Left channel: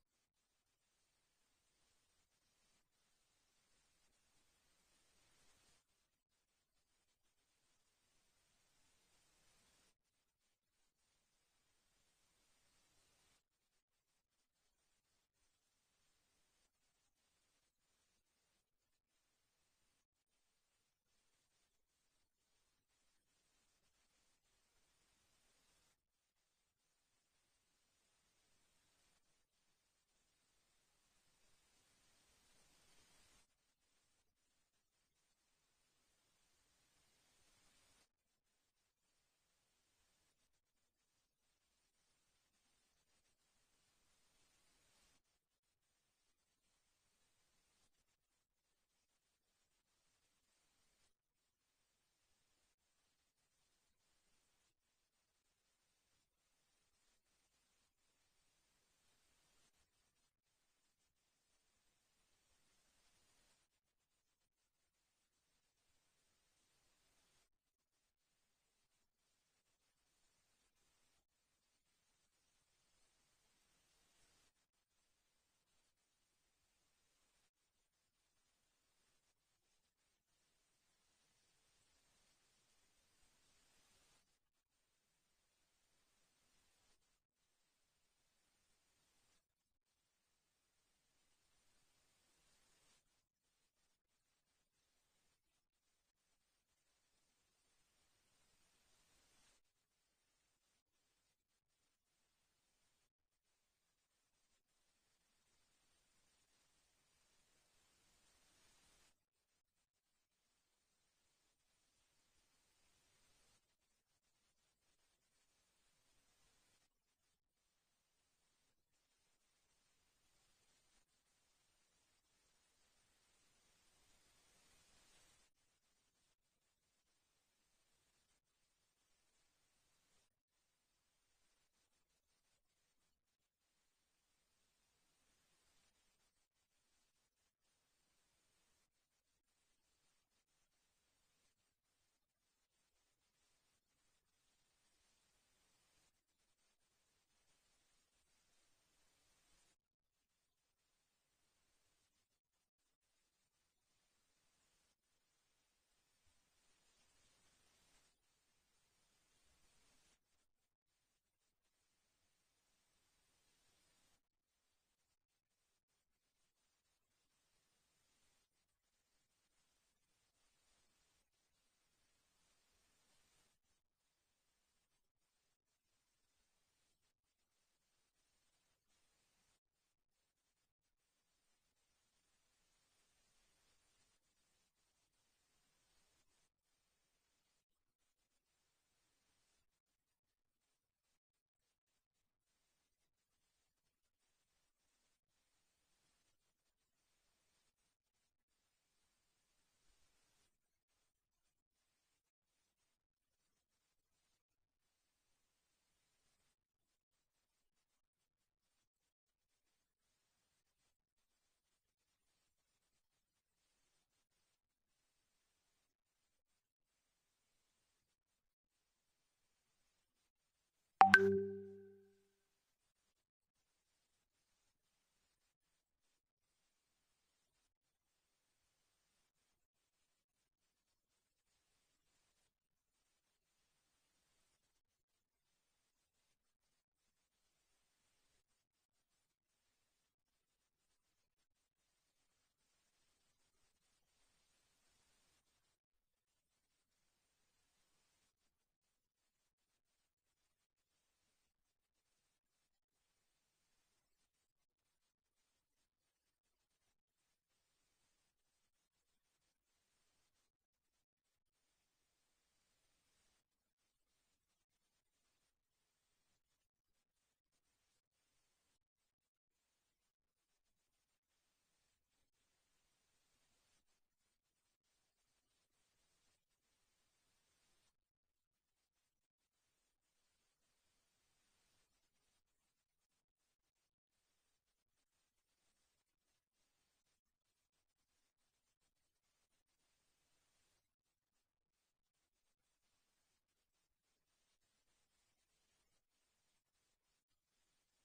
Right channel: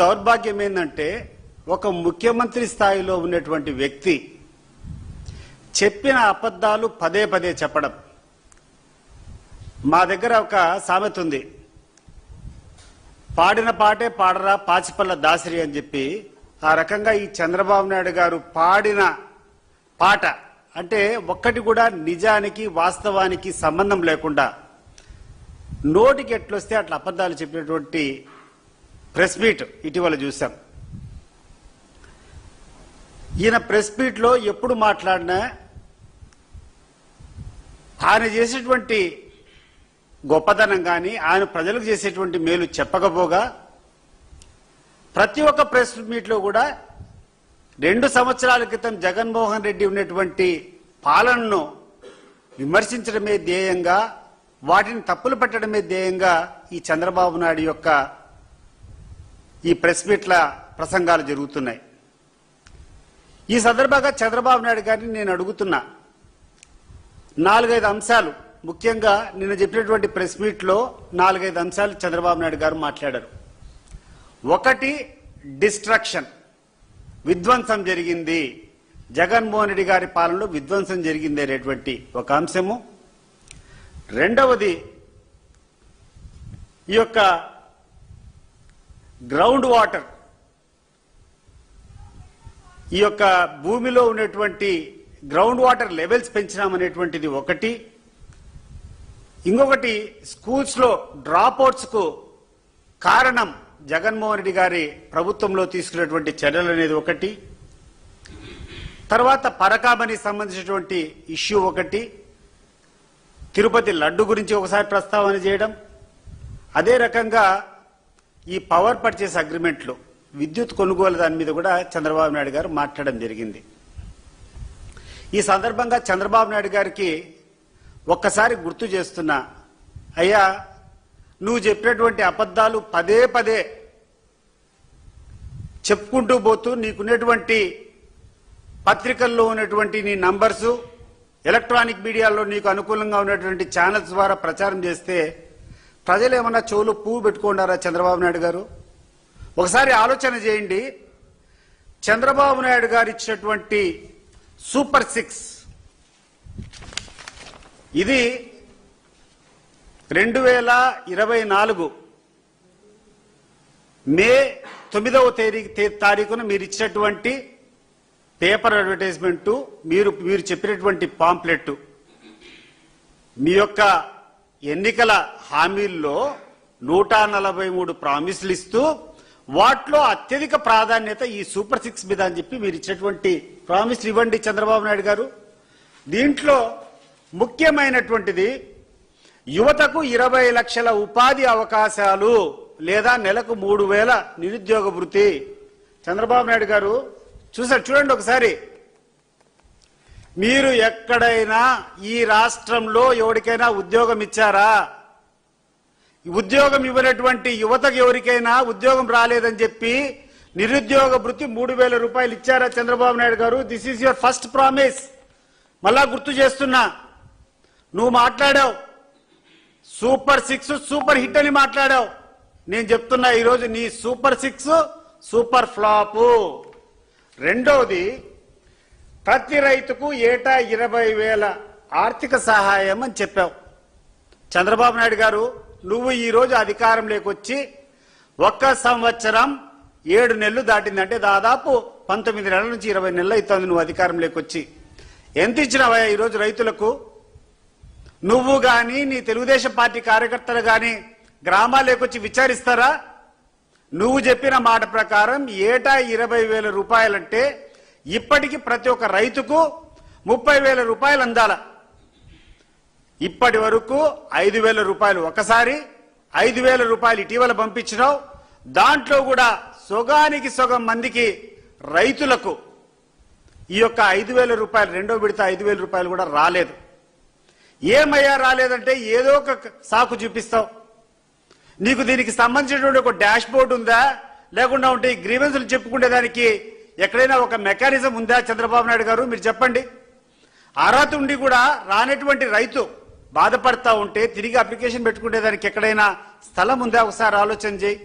దౌర్భాగ్యం ఏంటంటే ఒక ముఖ్యమంత్రి స్థాయిలో ఉన్నటువంటి వ్యక్తి చెప్పిన అబద్ధాలు పదే పదే చెప్పడం. మా దగ్గర ఒక సామెత ఉంది, పాడిన పాటే పాడరా పాచిపల్ల దాసిరి అని చెప్పి. ఆ రకంగా ఈ చంద్రబాబు నాయుడు గారు పాడిన పాట అంటే ఒక్కటి కూడా నిజానికి వాస్తవానికి సంబంధం లేకుండా నోటికి ఎట్లొస్తే అట్లా అబద్ధాలు చెప్పినటువంటి ప్రెస్ మీట్ ఇటీవల చూసాం. ఈయన ప్రెస్ మీట్లో ఎప్పుడు మాట్లాడినా ఆయన చేసేటువంటి గొప్పతనం కానీ ఆయన ప్రజలకు చేసేటువంటి మేలు చెప్పకపోగా ప్రతి ఒక్క ప్రెస్ మీట్లో కూడా 2 సంవత్సరాల క్రితం జగన్మోహన్ రెడ్డి ఉన్నటువంటి పాలనను విమర్శించడమే ధ్యేయంగా, వాటిని తప్పులు పెట్టడమే ధ్యేయంగా ఈ చంద్రబాబు నాయుడు యొక్క ఈ ప్రెస్ మీట్ల ప్రసంగాలు జరుగుతున్నాయి. ఈ సందర్భంగా చంద్రబాబు నాయుడు గారిని నేను అడుగుతున్నా, 4-5 అంశాలు, ముఖ్యంగా నిన్న చెప్పినటువంటి ప్రెస్ మీట్లో 4-5 అంశాలు చంద్రబాబు నాయుడు గారు మాట్లాడారు. ఒకటి, డిస్ట్రక్షన్, విధ్వంసం జరిగింది, జగన్మోహన్ రెడ్డి గారి పాలనలో విధ్వంసం జరిగింది అనేటువంటి ఒక అంశము. రెండవది, ఈ యొక్క గ్రౌండ్ వాటర్, ఈ యొక్క భూమిలో ఉన్నటువంటి గ్రౌండ్ వాటర్ లెవెల్స్ పెంచినామనేటువంటిది ఒకటి. ఇంకొకటి, స్కూల్స్ లో డ్రాప్అవుట్స్ కు కారణం జగన్మోహన్ రెడ్డి గారి ప్రభుత్వంలో తీసుకున్నటువంటి చర్యలు అనేది ఒకటి. తర్వాత పరకామణి సంబంధించినటువంటి ఇష్యూ ఒకటి, తిరుపతి లడ్డు గురించి ఒకసారి ప్రస్తావన చేయడం, అదే రకంగా ఈ పవర్ పర్చేస్ అగ్రిమెంట్లు, విద్యుత్ కొనుగోలు దాని మీద కూడా చంద్రబాబు నాయుడు గారు మాట్లాడడం జరిగింది. ఈ సందర్భంగా చంద్రబాబు నాయుడు గారికి ఒక్కసారి గుర్తు చేస్తున్నా, అయ్యా నువ్వు చెప్పినటువంటి అబద్ధాలు పదే పదే చెప్పుకుంటూ పోతూ నీకున్నటువంటి పత్రికల్లో ఉన్నటువంటి నీ నంబర్సు, ఎలక్ట్రానిక్ మీడియాలో నీకు అనుకూలంగా ఉన్నటువంటి ఛానల్స్ ద్వారా ప్రచారం చేస్తే ప్రజలు ఏమన్నా చెవులు పువ్వు పెట్టుకున్నారా చంద్రబాబు నాయుడు గారు? ఒకసారి ఆలోచన చేయండి. చంద్రబాబు నాయుడు గారు ఇచ్చినటువంటి సూపర్ 6 ఇది 2024 మే 9వ తారీఖున మీరు ఇచ్చినటువంటి పేపర్ అడ్వర్టైజ్మెంటు, మీరు చెప్పినటువంటి పాంప్లెట్, మీ యొక్క ఎన్నికల హామీల్లో 143 ప్రామిసులు ఇస్తూ వాటిలో అత్యధిక ప్రాధాన్యత ఈ సూపర్ 6 మీద అని చెప్పి మీరు ఇచ్చినటువంటి ప్రామిసులు ఇవ్వండి చంద్రబాబు నాయుడు గారు. దీంట్లో ముఖ్యమైనటువంటిది యువతకు 20 లక్షల ఉపాధి అవకాశాలు లేదా నెలకు 3000 నిరుద్యోగ వృత్తి. చంద్రబాబు నాయుడు గారు చూడండి ఒకసారి, మీరు ఎక్కడైనా ఈ రాష్ట్రంలో ఎవరికైనా ఉద్యోగం ఇచ్చారా? ఉద్యోగం ఇవ్వనటువంటి యువతకు ఎవరికైనా ఉద్యోగం రాలేదని చెప్పి నిరుద్యోగ వృత్తి 3000 రూపాయలు ఇచ్చారా చంద్రబాబు నాయుడు గారు? This is your first promise. మళ్ళా గుర్తు చేస్తున్నా, నువ్వు మాట్లాడావు సూపర్ 6 సూపర్ హిట్ అని మాట్లాడావు. నేను చెప్తున్నా ఈరోజు నీ సూపర్ 6 సూపర్ ఫ్లాప్. రెండోది, ప్రతి రైతుకు ఏటా 20,000 ఆర్థిక సహాయం అని చెప్పావు. చంద్రబాబు నాయుడు గారు, నువ్వు ఈరోజు అధికారంలోకి వచ్చి 1 సంవత్సరం 7 నెలలు దాటిందంటే దాదాపు 19 నెలల నుంచి 20 నెలలు అవుతుంది నువ్వు అధికారంలోకి వచ్చి. ఎంత ఇచ్చినావా ఈరోజు రైతులకు? నువ్వు గాని నీ తెలుగుదేశం పార్టీ కార్యకర్తలు గాని గ్రామాలకు వచ్చి విచారిస్తారా? నువ్వు చెప్పిన మాట ప్రకారం ఏటా 20,000 రూపాయలంటే ఇప్పటికి ప్రతి ఒక్క రైతుకు 30,000 రూపాయలు అందాల. ఇప్పటి వరకు 5,000 రూపాయలు ఒకసారి, 5,000 రూపాయలు ఇటీవల పంపించినావు. దాంట్లో కూడా సొగానికి సొగం మందికి రైతులకు ఈ యొక్క 5,000 రూపాయలు, రెండో విడత 5,000 రూపాయలు కూడా రాలేదు. ఏమయ్యా రాలేదంటే ఏదో ఒక సాకు చూపిస్తావు. నీకు దీనికి సంబంధించినటువంటి ఒక డాష్ బోర్డు ఉందా? లేకుండా ఉంటే ఈ గ్రీవెన్సులు చెప్పుకునేదానికి ఎక్కడైనా ఒక మెకానిజం ఉందా చంద్రబాబు నాయుడు గారు? మీరు చెప్పండి. అర్హత ఉండి కూడా రానటువంటి రైతు బాధపడతా ఉంటే తిరిగి అప్లికేషన్ పెట్టుకునేదానికి ఎక్కడైనా స్థలం ఉందా? ఒకసారి ఆలోచన చేయి.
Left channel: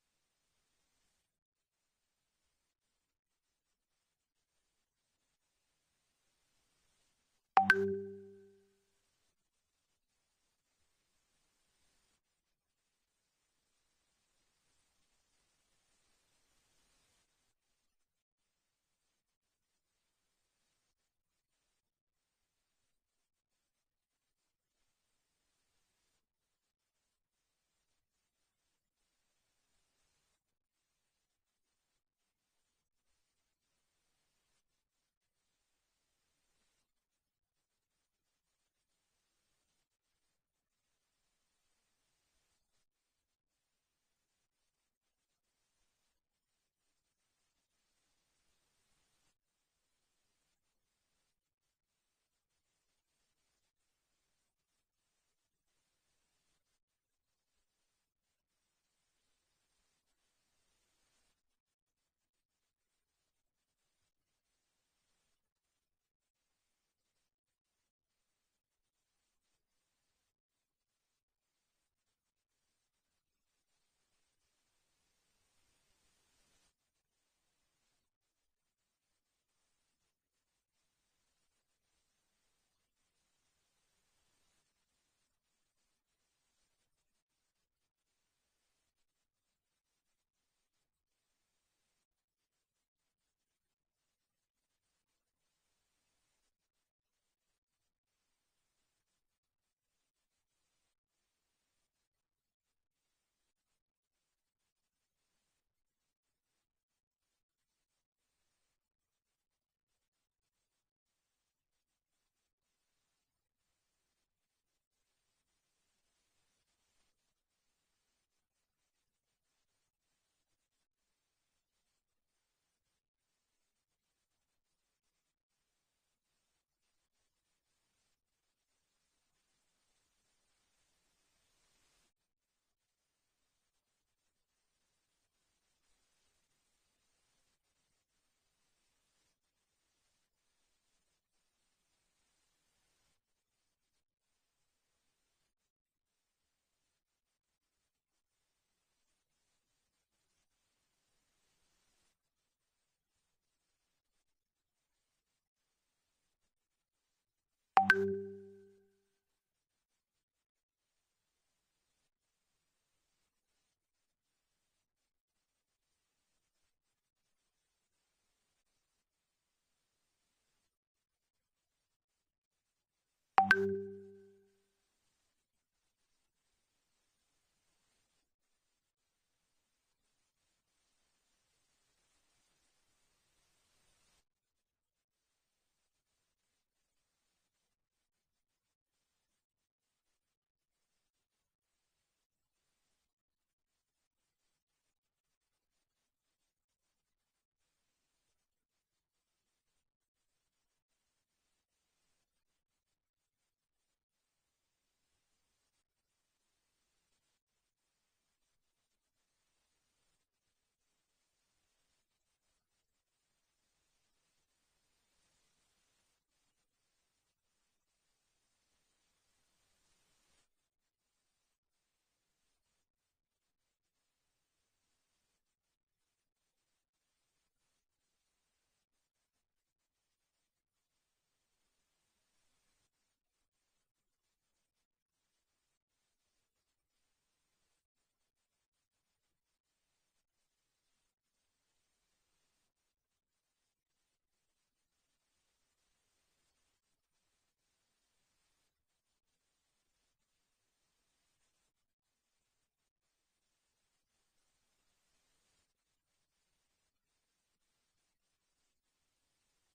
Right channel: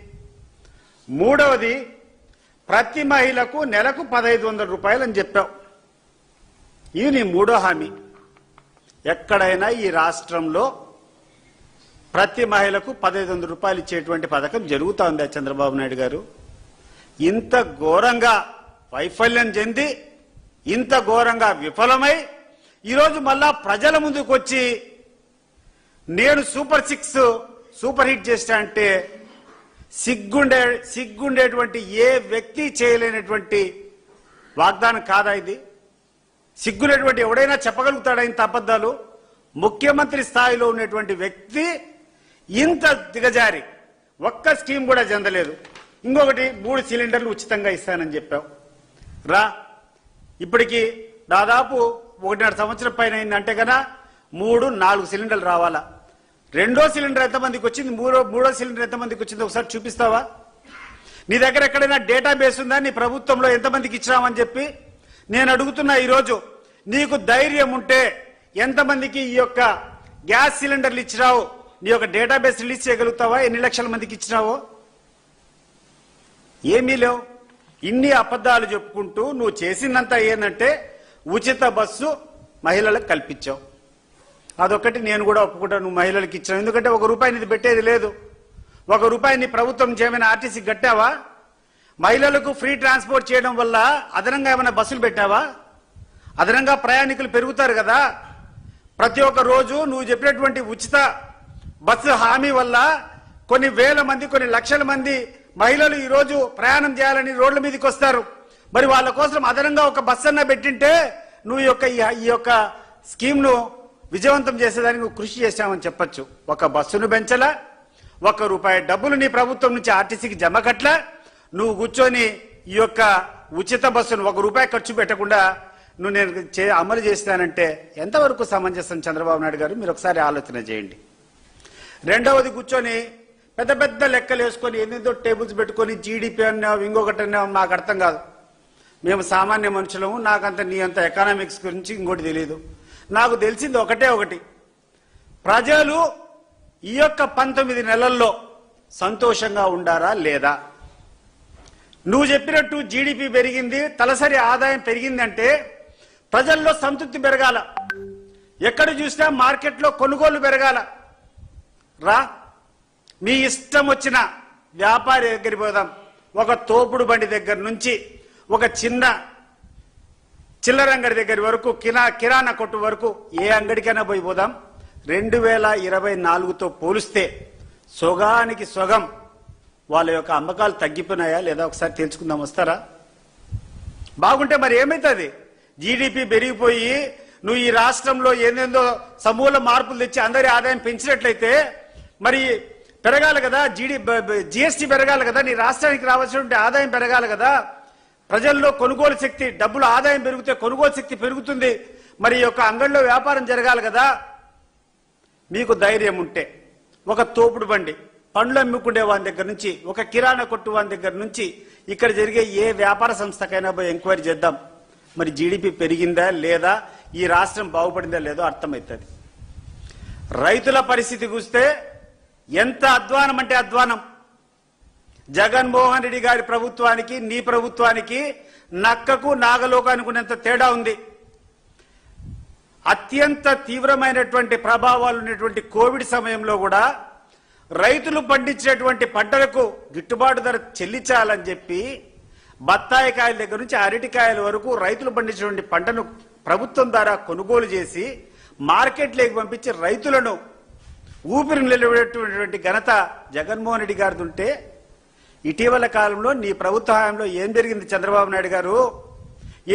మూడవది ప్రతి మహిళకు నెలకు 1500 రూపాయలు అని చెప్పావు. ఇది నీ మూడో హామీ. ఎక్కడైనా ఈ రాష్ట్రంలో ప్రతి మహిళకు 1500 రూపాయలు ఇచ్చేటువంటి పథకం జరుగుతూ ఉందా చంద్రబాబు నాయుడు గారు? ఇంత ఘోరంగా వైఫల్యం చెంది ఇంత ఘోరంగా విఫలమై ఈరోజు మళ్ళా ప్రజల ముందుకు వచ్చి నేను సూపర్ 6 సూపర్ హిట్ చేస్తా అంటే సిగ్గుండేటువంటి ఏ వ్యక్తి చేయలేనటువంటి వాగ్దానం కాదా ఇది? సిగ్గులేటువంటి ఎవడైనా చెప్పగలుగుతాడా ఇంత అబద్ధాలు? ముఖ్యమంత్రి స్థాయిలో ఉన్నటువంటి వ్యక్తి ఇంత దిగజారి ఒక్క స్కీమ్ కూడా చెందలేదు. ఇంకొకటి 3 సిలిండర్లు ఉచితంగా ఇస్తానని చెప్పావు. రా ఇప్పటికి దాదాపు 1.5 సంవత్సరం పైన అయిందంటే కదా 3-4 సిలిండర్లు రావాలా. రెండో సిలిండర్ ఎంతమందికి వచ్చింది, మూడో సిలిండర్ ఎంతమందికి వచ్చింది ఒకసారి చూపిస్తావా? నీ దగ్గర ఎక్కడైనా డేటాబేస్ ఉందా నీ ప్రభుత్వంలో ఎంతమందికి ఇచ్చినామని చెప్పి? నేను అడుగుతున్నా ఈరోజు, నీకు ధైర్యం ఉంటే ఎంతమందికి ఈ యొక్క గ్యాస్ సిలిండర్లు ఇచ్చినావు నీ యొక్క డేటాబేస్ రిలీజ్ చేయగలుగుతావా? ఎన్ని లక్షల మందికి ఇచ్చినావో? ఏమీ లేవు. ఇన్ని అబద్ధాలు చెప్పుకుంటూ నువ్వు చేసిందంతా ఏంటంటే ఉచిత బస్సు మహిళలకు కల్పించావు. అదొకటి నేను కూడా ఒప్పుకుంటాను, నువ్వు మహిళలకు ఇచ్చావు. ఎందుకంటే ₹1 ఇది పెట్టేది లేదు. ₹1 నీ ప్రభుత్వం చేయమని ఆర్టీసీ కట్టావా? మహిళలకు ఫ్రీ ట్రాన్స్పోర్ట్ చేయడం వల్ల అదనంగా ఏమైనా బస్సులు పెట్టావా? అదనంగా ప్రయాణికులు పెరుగుతారు కదా. ప్రతి ఒక్క రోజు నువ్వు చెప్పినటువంటి ఉచిత బస్సు హామీ వల్ల కొన్ని వేల మంది కొన్ని లక్షల మంది మహిళలు ఈరోజు ప్రయాణం చేయాలని రోడ్ల మీదకి వస్తారు. మరి వాళ్ళ కోసం అదనంగా ఒక బస్సు అన్న పెట్టింటే నువ్వు ఈ యొక్క స్కీమ్ను విజయవంతం చేసేదానికి నువ్వు కృషి చేశామని చెప్పొచ్చు. ఒక బస్సును పెంచలా, ₹1 డబ్బులు నీ ప్రభుత్వం నుంచి ఆర్టీసీకి జమ కట్లా, నువ్వు కూర్చొని ఈ యొక్క ఉచిత బస్సును ₹1 ఖర్చు పెట్టకుండా నువ్వు నేను అమలు చేస్తానంటే ఎంతవరకు సమంజసం చంద్రబాబు నాయుడు గారు? మీరు ఒకసారి ఆలోచన చేయండి. రెండవది కూర్చొని పెద్ద పెద్ద లెక్కలు వేసుకొని ఎన్నెందో టేబుల్స్ పెట్టుకొని జీడిపి అన్నావు ఇంకొకటి అన్నావు. మాకు అర్థం కాదు, మేము సామాన్య మనుషులము, నాకంత నీ అంత ఎకనామిక్స్ గురించి ఇంకోటి తెలియదు. నాకు తెలిసింది ఒకటి, ప్రజలు ఈ యొక్క 19 నెలల్లో సంతోషంగా ఉండారా లేదా? నువ్వు చెప్పినట్టు జీడిపి పెరిగింది, తలసరి ఆదాయం పెరిగిందంటే ప్రజల్లో సంతృప్తి పెరగాల. ఎక్కడ చూసినా మార్కెట్లో కొనుగోలు పెరగాల. రా, మీ ఇష్టం వచ్చిన వ్యాపారి దగ్గరికి పోదాం. ఒక తోపుడు బండి దగ్గర నుంచి ఒక చిన్న చిల్లర అంగడి దగ్గర వరకు, కిరాణా కొట్టు వరకు ఏ అంగడికైనా పోదాం. 2024తో పోలిస్తే సొగానికి సొగం వాళ్ళ యొక్క అమ్మకాలు తగ్గిపోయినాయా లేదా ఒకసారి తెలుసుకుందాం. వస్తారా? బాగుంటే మరి ఏమవుతుంది? జీడిపి పెరిగిపోయి నువ్వు ఈ రాష్ట్రంలో ఏందేందో సమూల మార్పులు తెచ్చి అందరి ఆదాయం పెంచినట్లయితే మరి పెరగాలి కదా, జిఎస్టీ పెరగాలి కదా, నీ రాష్ట్రానికి రావాల్సినటువంటి ఆదాయం పెరగాలి కదా. ప్రజల్లో కొనుగోలు శక్తి, డబ్బులు ఆదాయం పెరిగితే కొనుగోలు శక్తి పెరుగుతుంది. మరి ఈ యొక్క అంగడిలో వ్యాపారం జరగాలి కదా. మీకు ధైర్యం ఉంటే ఒక తోపుడు బండి పండ్లు అమ్ముకునే వాని దగ్గర నుంచి, ఒక కిరాణా కొట్టు వాని దగ్గర నుంచి ఇక్కడ జరిగే ఏ వ్యాపార సంస్థకైనా పోయి ఎంక్వైరీ చేద్దాం. మరి జీడిపి పెరిగిందా లేదా, ఈ రాష్ట్రం బాగుపడిందా లేదో అర్థమవుతుంది. రైతుల పరిస్థితి చూస్తే ఎంత అధ్వానం అంటే అధ్వానం. జగన్మోహన్ రెడ్డి గారి ప్రభుత్వానికి నీ ప్రభుత్వానికి నక్కకు నాగలోకానికి ఉన్నంత తేడా ఉంది. అత్యంత తీవ్రమైనటువంటి ప్రభావాలు ఉన్నటువంటి కోవిడ్ సమయంలో కూడా రైతులు పండించినటువంటి పంటలకు గిట్టుబాటు ధర చెల్లించాలని చెప్పి బత్తాయికాయల దగ్గర నుంచి అరటికాయల వరకు రైతులు పండించినటువంటి పంటను ప్రభుత్వం ద్వారా కొనుగోలు చేసి మార్కెట్లోకి పంపించి రైతులను ఊపిరి నిలబెట్టేటువంటి ఘనత జగన్మోహన్ రెడ్డి గారిది ఉంటే, ఇటీవల కాలంలో నీ ప్రభుత్వ హయాంలో ఏం జరిగింది చంద్రబాబు నాయుడు గారు?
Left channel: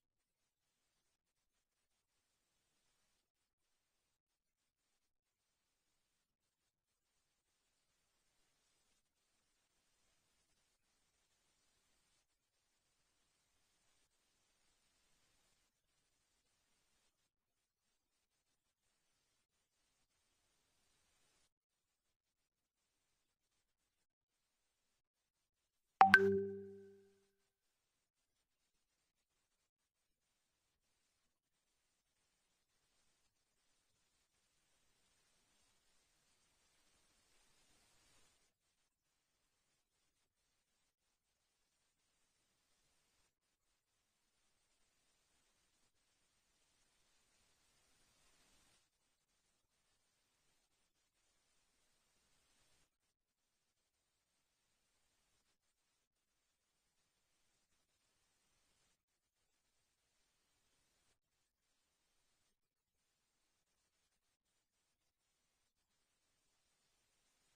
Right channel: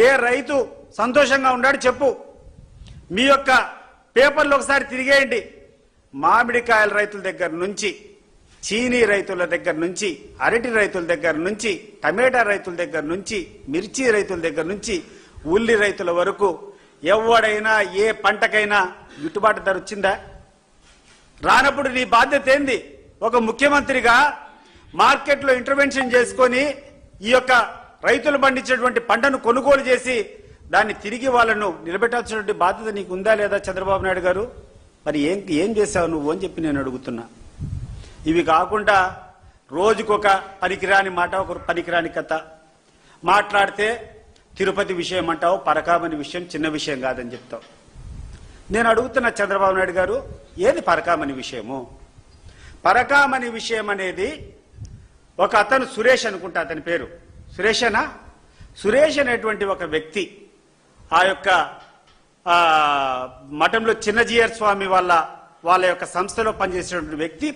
ఏ రైతు సంతోషంగా ఉన్నాడు చెప్పు. మీ యొక్క పేపర్లు ఒకసారి తిరిగేయండి. మామిడికాయల రైతుల దగ్గర నుంచి, చీనీ రైతుల దగ్గర నుంచి, అరటి రైతుల దగ్గర నుంచి, టమేటా రైతుల దగ్గర నుంచి, మిర్చి రైతుల దగ్గర నుంచి, ఉల్లి రైతుల వరకు ఎవడైనా ఏ పంటకైనా గిట్టుబాటు ధర వచ్చిందా? రానప్పుడు నీ బాధ్యత ఏంది? ఒక ముఖ్యమంత్రిగా మార్కెట్లో ఇంటర్వెన్షన్ చేసుకొని ఈ యొక్క రైతులు పండించినటువంటి పంటను కొనుగోలు చేసి దాన్ని తిరిగి వాళ్ళను నిలబెట్టాల్సినటువంటి బాధ్యత నీకు ఉందా లేదా చంద్రబాబు నాయుడు గారు? మరి ఏం చేశావు నువ్వు అని చెప్పి నేను అడుగుతున్నా. ఇవి కాకుండా రోజుకొక పనికిరాని మాట, ఒక పనికిరాని కథ మాట్లాడితే తిరుపతి విషయం అంటావు, పరకామణి విషయం చిన్న విషయం కాదని చెప్తావు. నేను అడుగుతున్న చంద్రబాబు నాయుడు గారు, ఏది పరకామణి విషయము? పరకామణి విషయం అనేది ఒక అతను సురేష్ అనుకుంటా, అతని పేరు సురేషేనా? సురేష్ అనేటువంటి ఒక వ్యక్తి ఆ యొక్క మఠంలో చిన్నజీయర్ స్వామి వాళ్ళ యొక్క సంస్థలో పనిచేసినటువంటి వ్యక్తి